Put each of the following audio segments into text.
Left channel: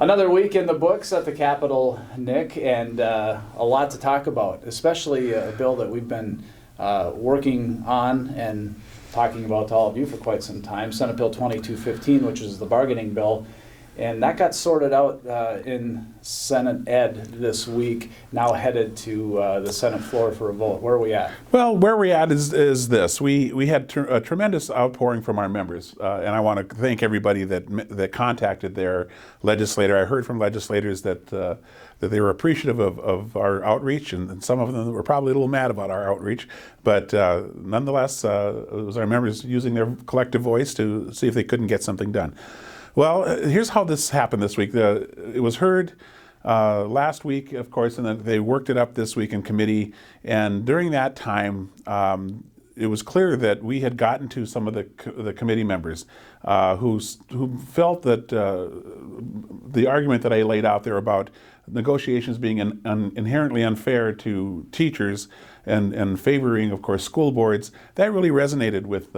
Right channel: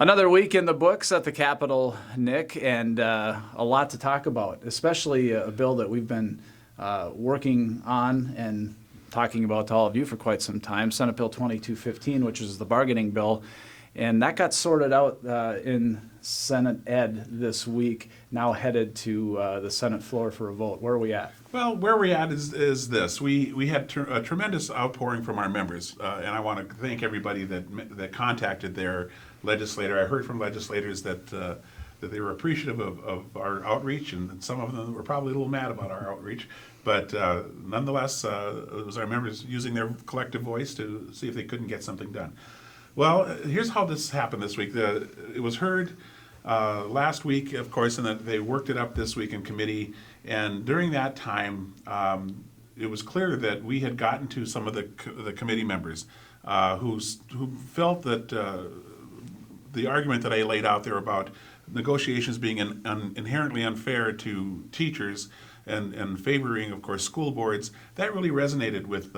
Another week in the books at the Capitol, Nick, and a lot to talk about, especially a bill that we've been working on and talking about to all of you for quite some time, Senate Bill 2215, which is the bargaining bill. And that got sorted out in Senate Ed this week, now headed to the Senate floor for a vote. Where are we at? Well, where we're at is this. We had a tremendous outpouring from our members, and I want to thank everybody that contacted their legislator. I heard from legislators that they were appreciative of our outreach, and some of them were probably a little mad about our outreach. But nonetheless, it was our members using their collective voice to see if they couldn't get something done. Well, here's how this happened this week. It was heard last week, of course, and then they worked it up this week in committee. And during that time, it was clear that we had gotten to some of the committee members who felt that the argument that I laid out there about negotiations being inherently unfair to teachers and favoring, of course, school boards, that really resonated with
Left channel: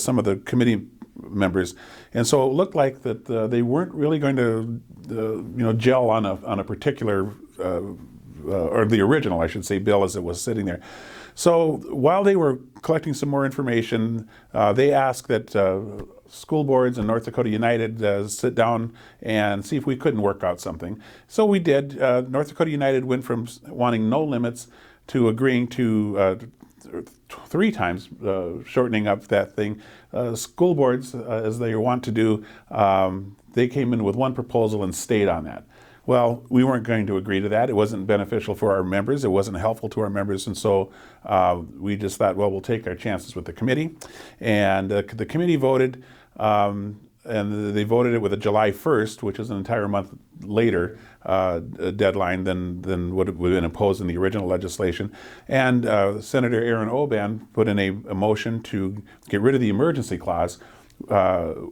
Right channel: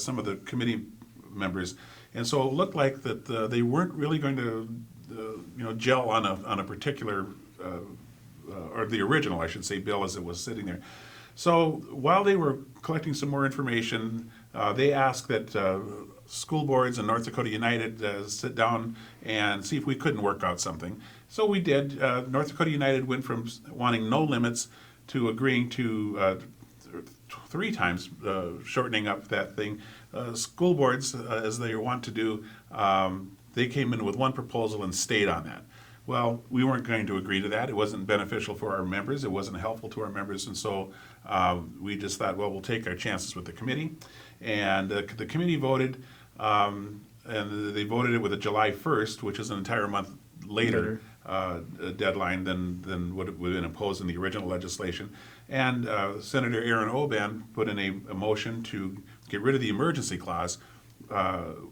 some of the committee members. And so it looked like that they weren't really going to gel on a particular or the original, I should say, bill as it was sitting there. So while they were collecting some more information, they asked that school boards and North Dakota United sit down and see if we couldn't work out something. So we did. North Dakota United went from wanting no limits to agreeing to 3 times shortening up that thing. School boards, as they want to do, they came in with one proposal and stayed on that. Well, we weren't going to agree to that. It wasn't beneficial for our members. It wasn't helpful to our members. And so we just thought, well, we'll take our chances with the committee. And the committee voted, and they voted it with a July 1st, which is an entire month later deadline than would have been imposed in the original legislation. And Senator Aaron Oban put in a motion to get rid of the emergency clause,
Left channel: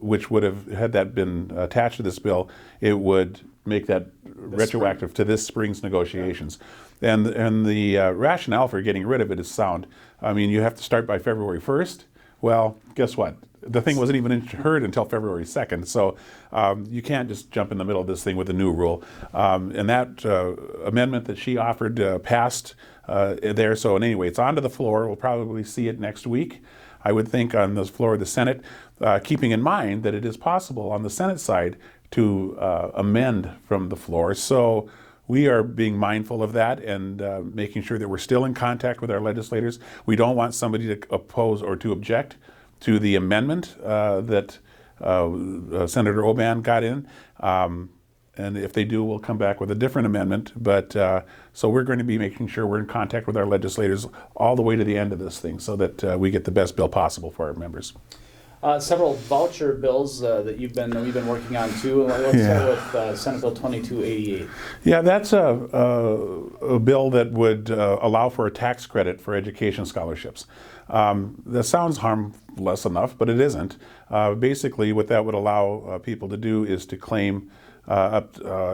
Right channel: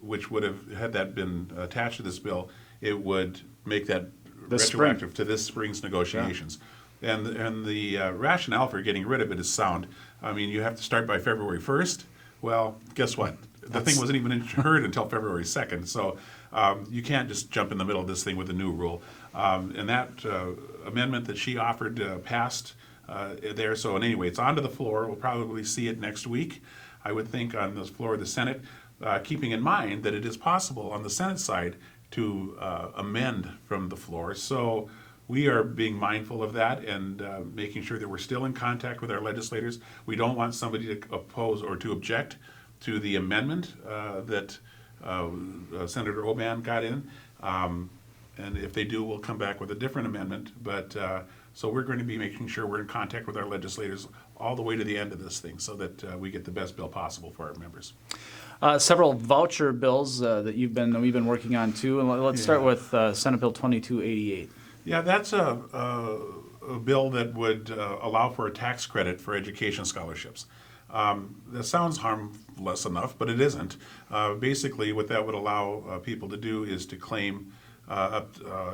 which would have, had that been attached to this bill, it would make that retroactive to this spring's negotiations. Yeah. And the rationale for getting rid of it is sound. I mean, you have to start by February 1st. Well, guess what? The thing wasn't even heard until February 2nd. So you can't just jump in the middle of this thing with a new rule. And that amendment that she offered passed there. So anyway, it's onto the floor. We'll probably see it next week, I would think, on the floor of the Senate, keeping in mind that it is possible on the Senate side to amend from the floor. So we are being mindful of that and making sure that we're still in contact with our legislators. We don't want somebody to oppose or to object to the amendment that Senator Oban got in. And if they do, we'll come back with a different amendment. But so we're going to be making sure we're in contact with our legislators all the way to the end of this thing so that we get the best bill possible for our members. Several voucher bills that we've been working on too. Let's start with Senate Bill 2288. Yeah, that's a bill that would allow for a tax credit for education scholarships. That sounds harmless enough, but it isn't. Basically, what that would allow people to do is to claim I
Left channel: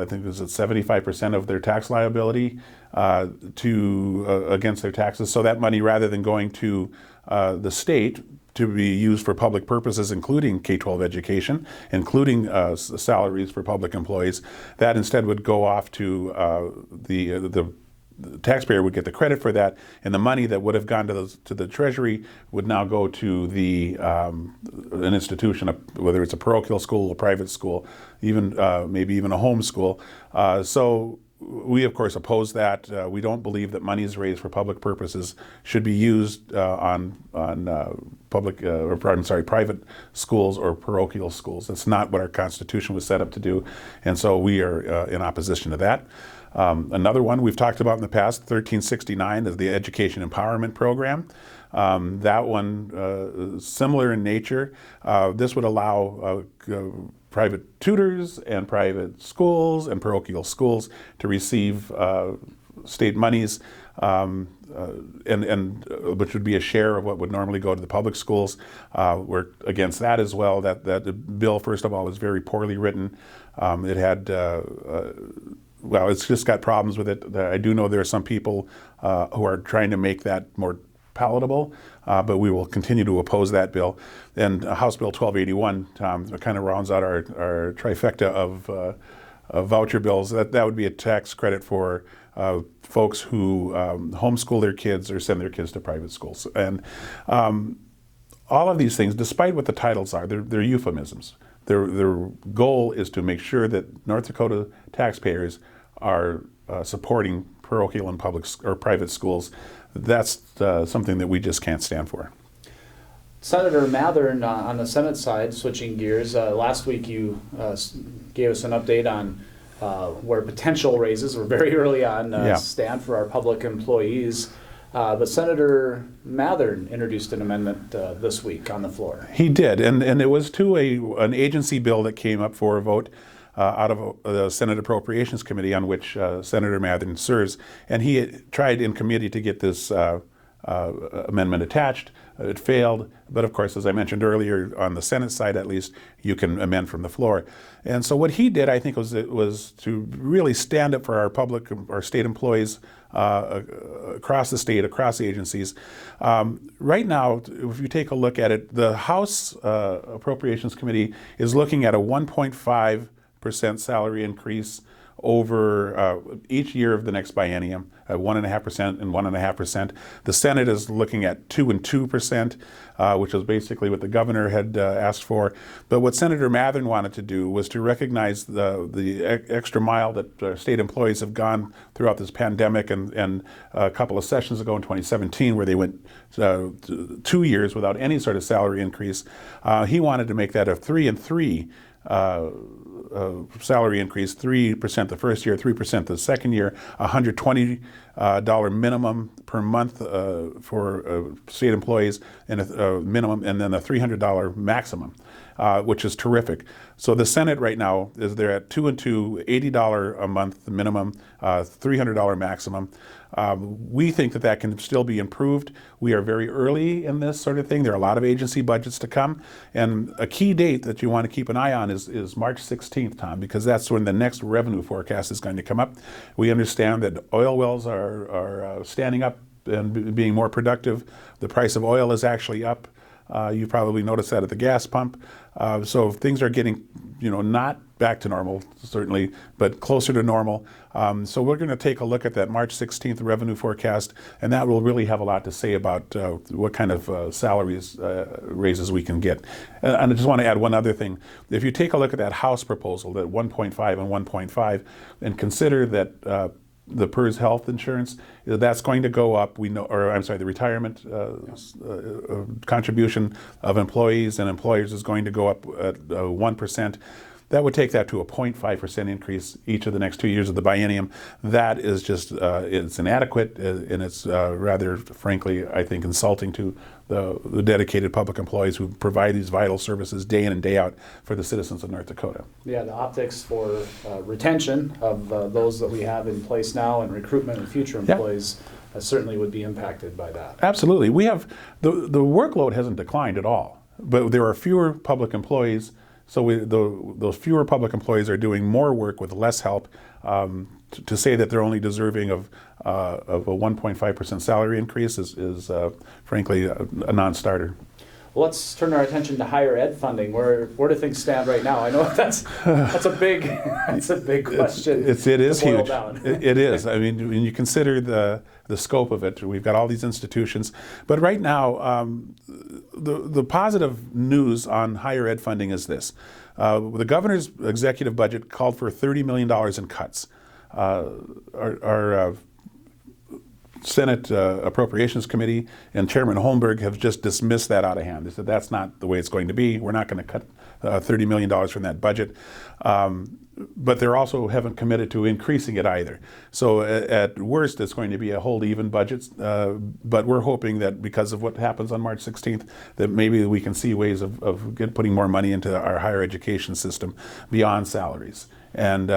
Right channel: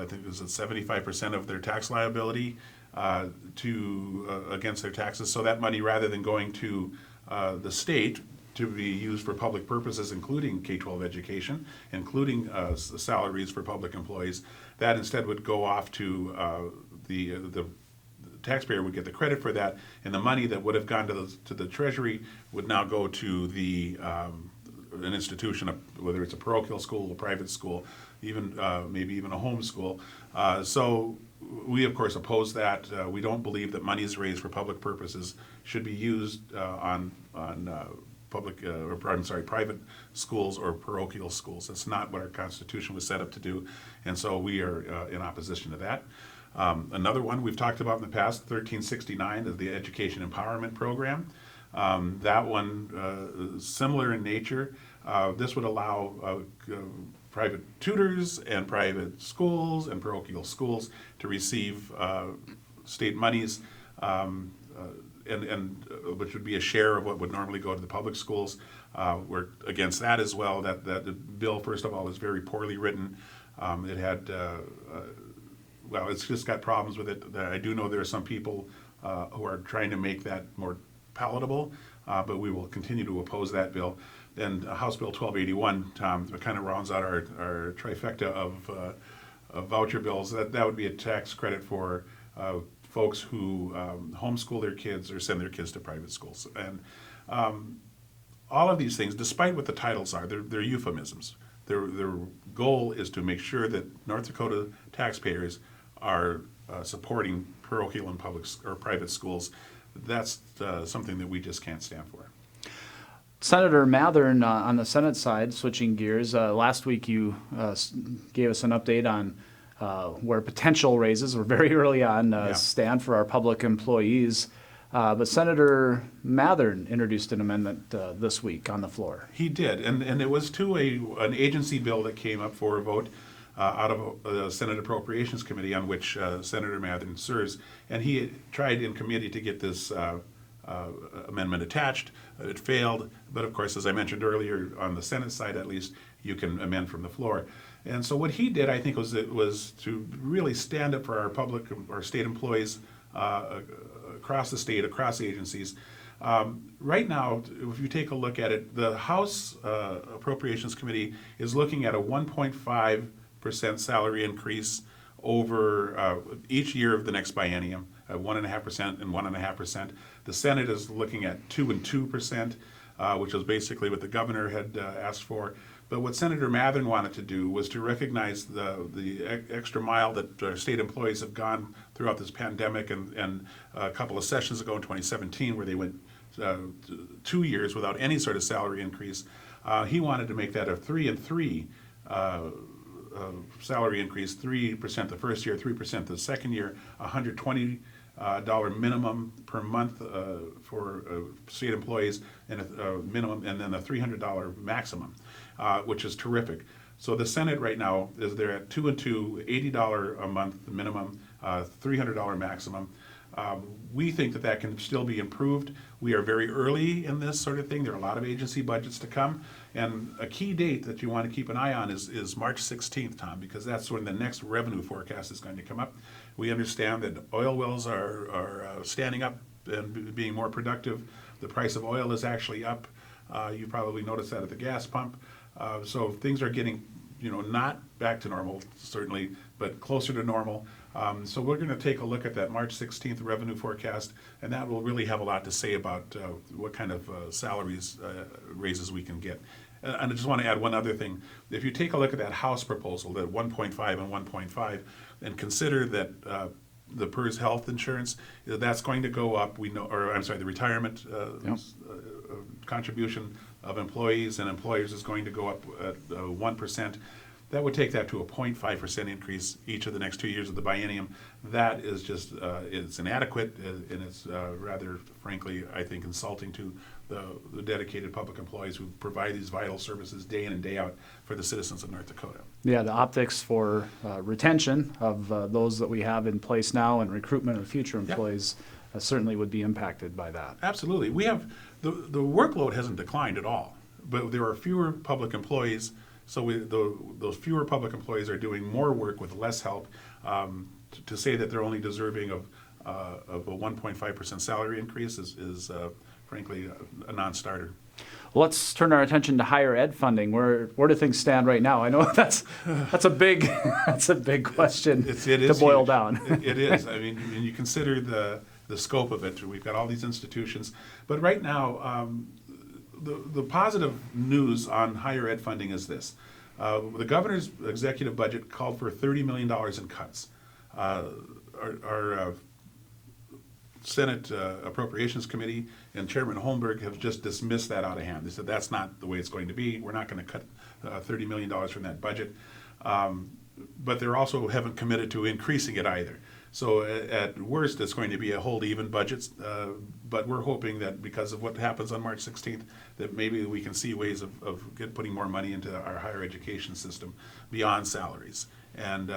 think it was at 75% of their tax liability against their taxes. So that money, rather than going to the state to be used for public purposes, including K-12 education, including salaries for public employees, that instead would go off to the taxpayer would get the credit for that, and the money that would have gone to the Treasury would now go to an institution, whether it's a parochial school, a private school, even maybe even a home school. So we, of course, oppose that. We don't believe that monies raised for public purposes should be used on private schools or parochial schools. That's not what our Constitution was set up to do, and so we are in opposition to that. Another one we've talked about in the past, 1369, is the Education Empowerment Program. That one is similar in nature. This would allow private tutors and private schools and parochial schools to receive state monies, which would be a share of what would normally go to the public schools. We're against that as well. That bill, first of all, is very poorly written. It had well, it's just got problems with it. I do know there are some people who are trying to make that more palatable, but we will continue to oppose that bill. And House Bill 1281 kind of rounds out our trifecta voucher bills. That would be a tax credit for folks who homeschool their kids or send their kids to private schools. And all of these things, despite what the titles are, they're euphemisms. Their goal is to make sure that North Dakota taxpayers are supporting parochial and public or private schools. That's something that we just can't stand for. Senator Mathern on the Senate side, switching gears, last week you gave us an update on where potential raises, we're very early on, stand for our public employees. But Senator Mathern introduced an amendment this week on the floor. He did, and it was to an agency bill that came up for a vote out of the Senate Appropriations Committee, on which Senator Mathern serves. And he had tried in committee to get this amendment attached. It failed, but of course, as I mentioned earlier, on the Senate side at least, you can amend from the floor. And so what he did, I think, was to really stand up for our state employees across the state, across agencies. Right now, if you take a look at it, the House Appropriations Committee is looking at a 1.5% salary increase over each year of the next biennium, at 1.5% and 1.5%. The Senate is looking at 2 and 2%, which is basically what the governor had asked for. But what Senator Mathern wanted to do was to recognize the extra mile that state employees have gone throughout this pandemic, and a couple of sessions ago in 2017 where they went 2 years without any sort of salary increase. He wanted to make that a 3 and 3 salary increase, 3% the first year, 3% the second year, $120 minimum per month for state employees, and a minimum, and then a $300 maximum, which is terrific. So the Senate right now is they're at 2 and 2, $80 a month minimum, $300 maximum. We think that can still be improved. We are very early in this sort of thing. There are a lot of agency budgets to come. And a key date that you want to keep an eye on is March 16th, Tom, because that's when the next revenue forecast is going to come up. We understand that oil wells are standing up and being more productive. The price of oil is actually up. You probably noticed that at the gas pump. So things are getting, not back to normal, certainly, but closer to normal. So we're going to take a look at that March 16th revenue forecast, and that will really have a lot to say about what kind of salaries raises we can get. And I just want to add one other thing. If you take a look at that House proposal, that 1.5 and 1.5, and consider that the PERS health insurance, that's going to go up. We know, or I'm sorry, the retirement contribution of employees and employers is going to go up at 1%. That would take that to a 0.5% increase each of the next 2 years of the biennium. That is just, it's inadequate, and it's rather, frankly, I think, insulting to the dedicated public employees who provide these vital services day in and day out for the citizens of North Dakota. Yeah, the optics for retention of those that we have in place now and recruitment of future employees certainly would be impacted by that. Absolutely. We have, the workload hasn't declined at all, but there are fewer public employees. So those fewer public employees are doing more work with less help. To say that they're only deserving of a 1.5% salary increase is frankly a non-starter. Well, let's turn our attention to higher ed funding. Where do things stand right now? I know that's a big question. It is to boil huge. down. It is. I mean, when you consider the scope of it, we've got all these institutions, but right now. The positive news on higher ed funding is this. The governor's executive budget called for $30 million in cuts. Our Senate Appropriations Committee and Chairman Holmberg have just dismissed that out of hand. They said that's not the way it's going to be. We're not going to cut $30 million from that budget. But they also haven't committed to increasing it either. So at worst, it's going to be a hold even budget. But we're hoping that because of what happens on March 16th, that maybe we can see ways of putting more money into our higher education system beyond salaries. And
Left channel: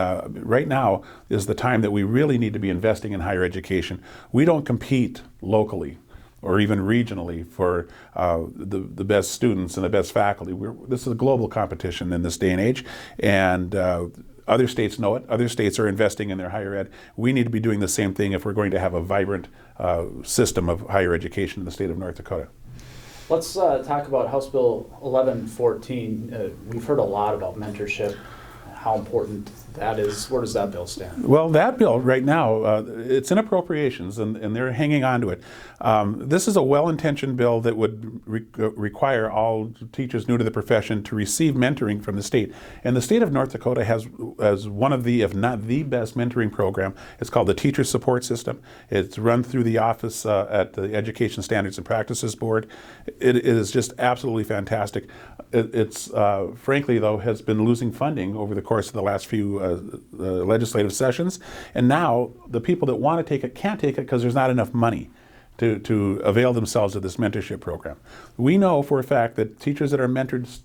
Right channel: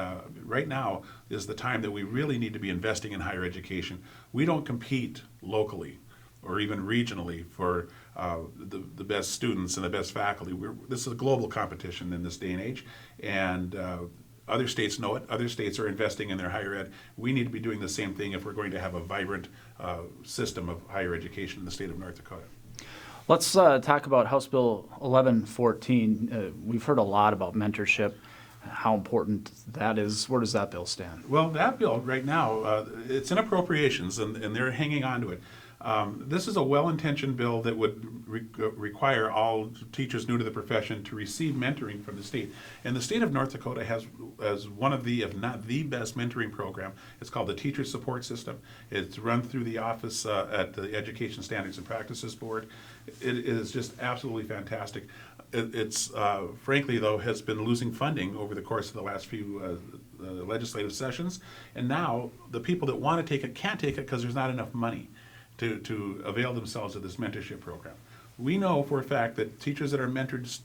right now is the time that we really need to be investing in higher education. We don't compete locally or even regionally for the best students and the best faculty. This is a global competition in this day and age, and other states know it. Other states are investing in their higher ed. We need to be doing the same thing if we're going to have a vibrant system of higher education in the state of North Dakota. Let's talk about House Bill 1114. We've heard a lot about mentorship how important that is. Where does that bill stand? Well, that bill right now, it's in appropriations, and they're hanging on to it. This is a well-intentioned bill that would require all teachers new to the profession to receive mentoring from the state. And the state of North Dakota has one of the, if not the best mentoring program. It's called the Teacher Support System. It's run through the office at the Education Standards and Practices Board. It is just absolutely fantastic. It's frankly, though, has been losing funding over the course of the last few legislative sessions. And now the people that want to take it can't take it because there's not enough money to avail themselves of this mentorship program. We know for a fact that teachers that are mentored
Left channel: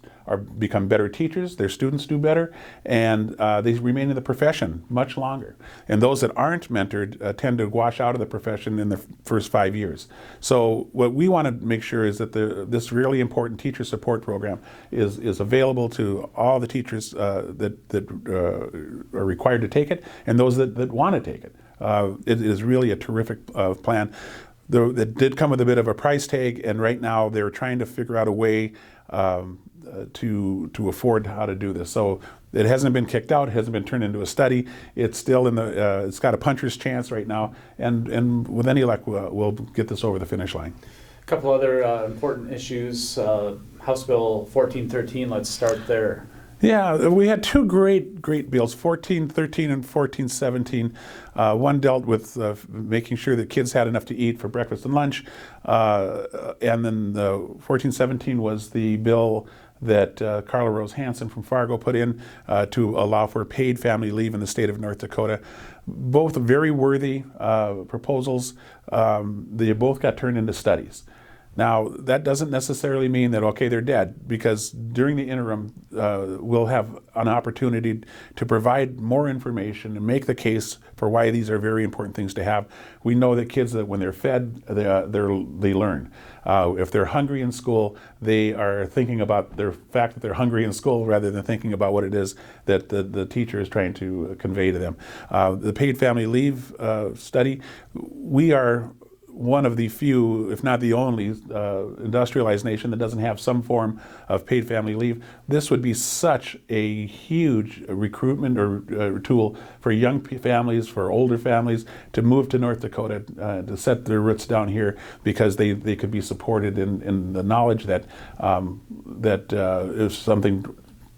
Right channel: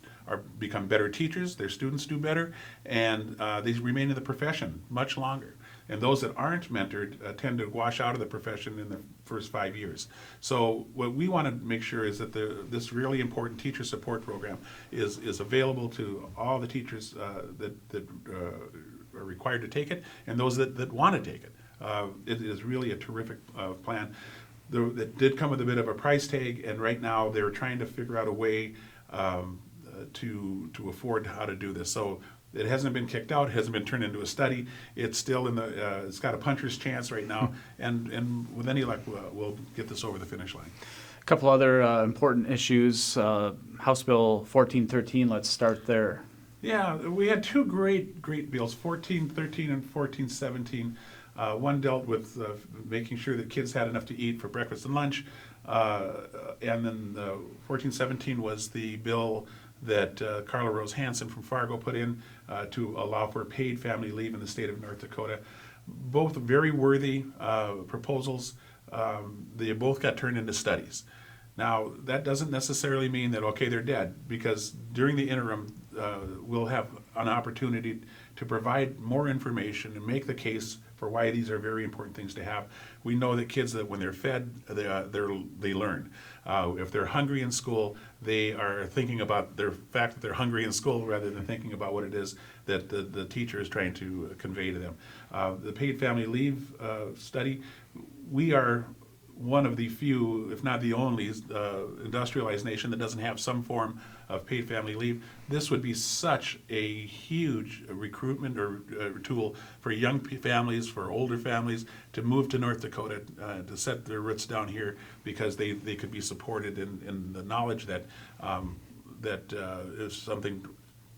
become better teachers, their students do better, and they remain in the profession much longer. And those that aren't mentored tend to wash out of the profession in the first 5 years. So what we want to make sure is that this really important teacher support program is available to all the teachers that are required to take it, and those that want to take it. It is really a terrific plan. It did come with a bit of a price tag, and right now they're trying to figure out a way to afford how to do this. So it hasn't been kicked out, it hasn't been turned into a study. It's still in the, it's got a puncher's chance right now, and with any luck, we'll get this over the finish line. A couple other important issues. House Bill 1413, let's start there. Yeah, we had two great bills, 1413 and 1417. One dealt with making sure that kids had enough to eat for breakfast and lunch, and then 1417 was the bill that Carla Rose Hansen from Fargo put in to allow for paid family leave in the state of North Dakota. Both very worthy proposals. They both got turned into studies. Now, that doesn't necessarily mean that, okay, they're dead, because during the interim, we'll have an opportunity to provide more information and make the case for why these are very important things to have. We know that kids, that when they're fed, they learn. If they're hungry in school, they are thinking about the fact that they're hungry in school rather than thinking about what it is that the teacher is trying to convey to them. The paid family leave study, we are one of the few, if not the only, industrialized nation that doesn't have some form of paid family leave. This would be such a huge recruitment or tool for young families, for older families, to move to North Dakota, to set their roots down here, because they could be supported in the knowledge that if something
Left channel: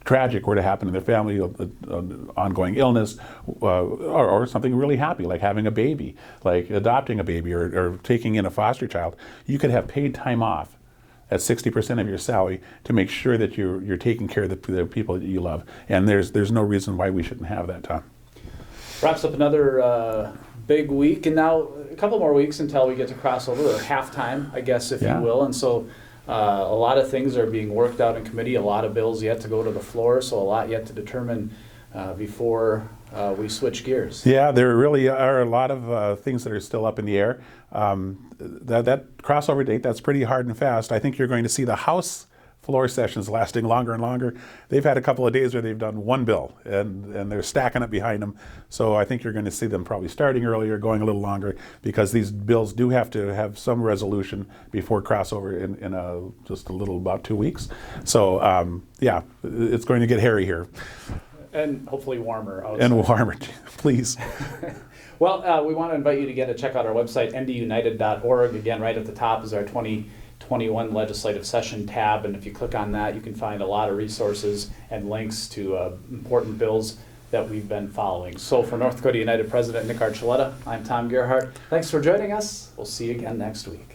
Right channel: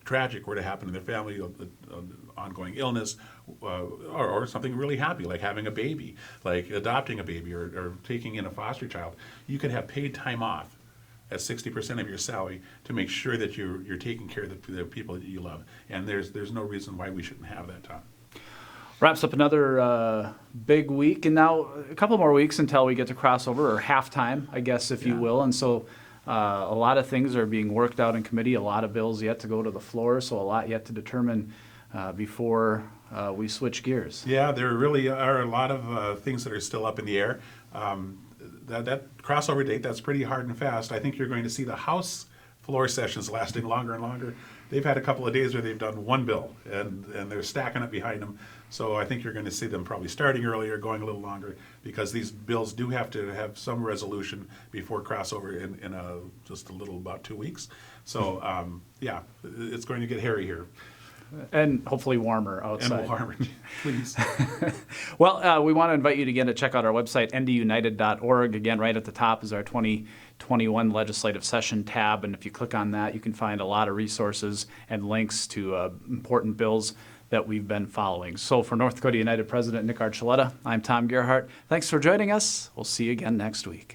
tragic were to happen in their family, ongoing illness, or something really happy, like having a baby, like adopting a baby, or taking in a foster child, you could have paid time off at 60% of your salary to make sure that you're taking care of the people that you love. And there's no reason why we shouldn't have that, Tom. Wraps up another big week, and now a couple more weeks until we get to crossover, or halftime, I guess, if you will. And so a lot of things are being worked out in committee, a lot of bills yet to go to the floor, so a lot yet to determine before we switch gears. Yeah, there really are a lot of things that are still up in the air. That crossover date, that's pretty hard and fast. I think you're going to see the House floor sessions lasting longer and longer. They've had a couple of days where they've done one bill, and they're stacking it behind them. So I think you're going to see them probably starting earlier, going a little longer, because these bills do have to have some resolution before crossover in just a little, about 2 weeks. So yeah, it's going to get hairy here. And hopefully warmer outside. And warmer, please. Well, we want to invite you to check out our website, ndunited.org. Again, right at the top is our 2021 legislative session tab, and if you click on that, you can find a lot of resources and links to important bills that we've been following. So for North Dakota United President Nick Archuleta, I'm Tom Gerhart. Thanks for joining us. We'll see you again next week.